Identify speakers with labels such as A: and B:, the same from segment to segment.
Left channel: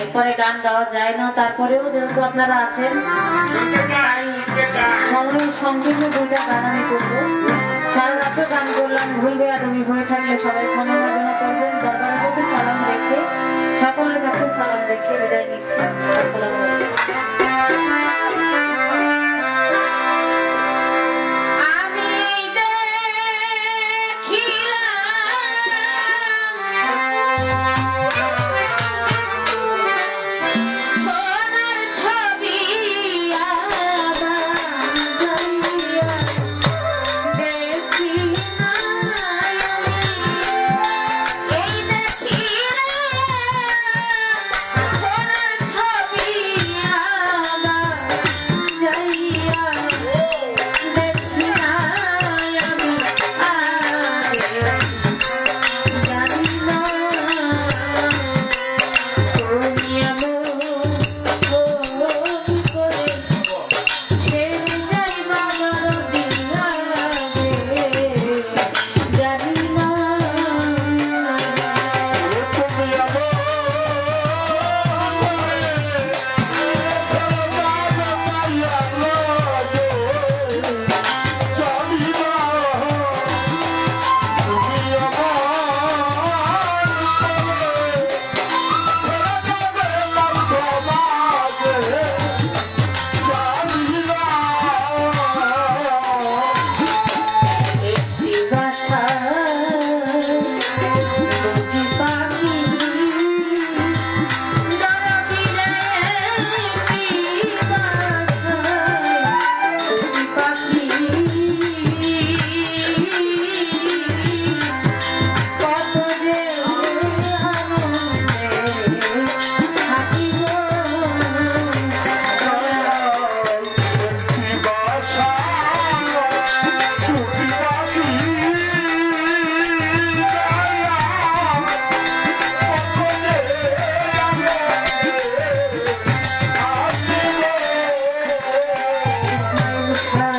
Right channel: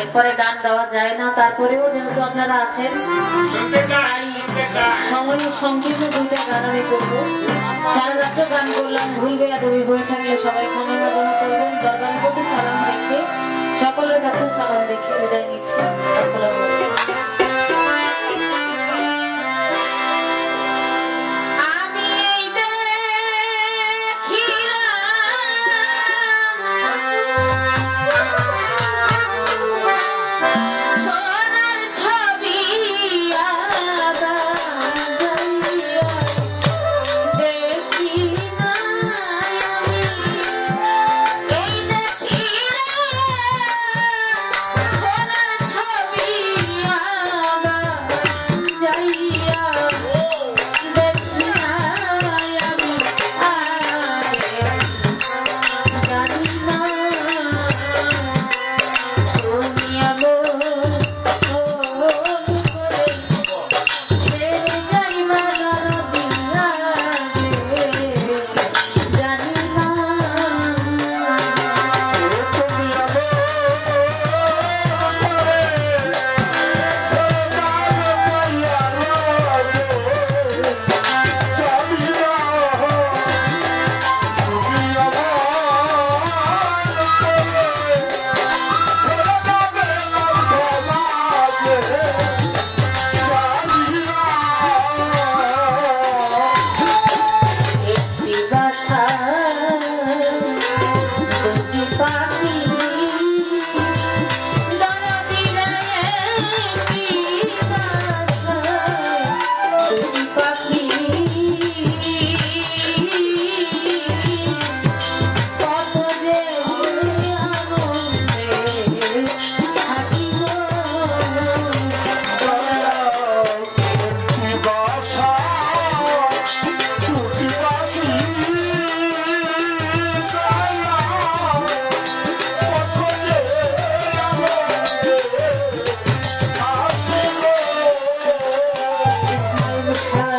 A: এরপরে গান গাওয়া যায় না তারপরেও যেহেতু আপনারা আছেন সময় সংকীর্ণ দুইটা গান আমি করব। সারা রাত্র গান করলাম ভুল বেয়া বেয়াদবি হয়ে থাকলে সবাই ক্ষমা মার্জনা করবেন। দরবারের প্রতি সালাম রেখে সকলের কাছে সালাম রেখে বিদায় নিচ্ছি।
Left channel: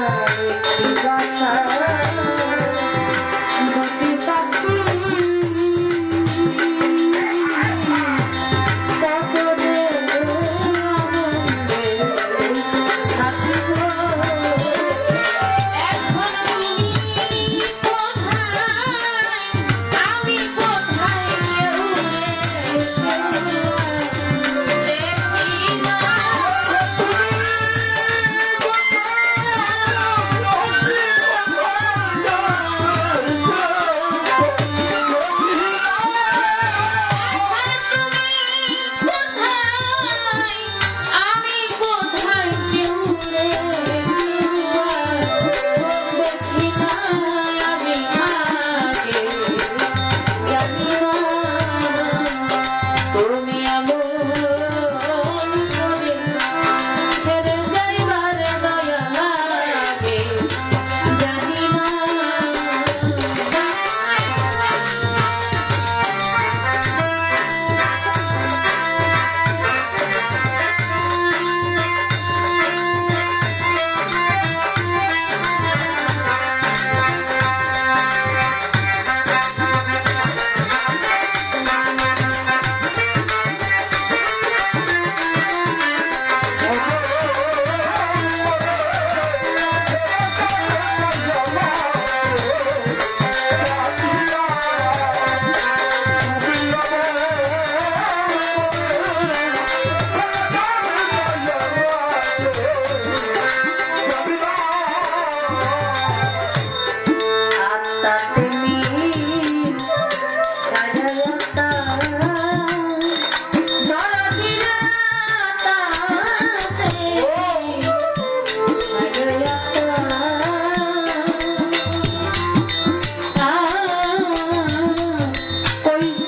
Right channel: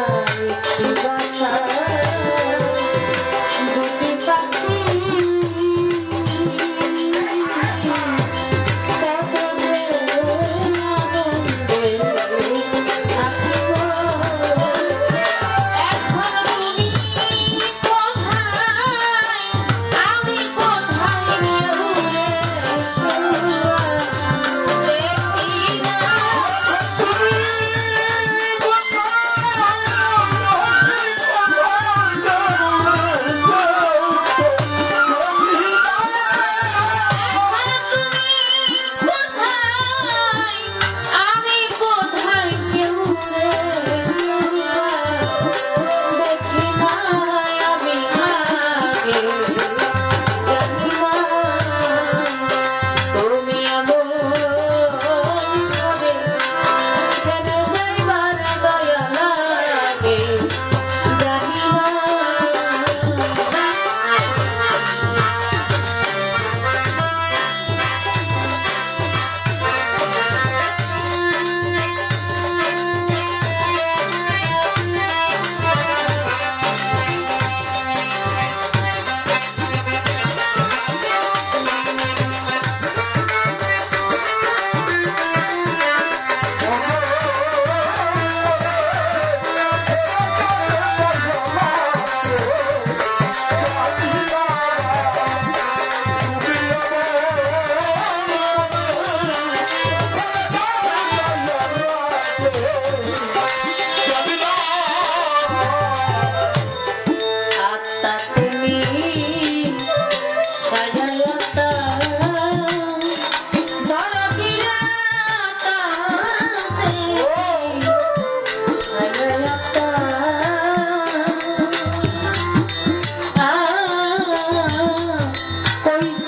A: Thank you.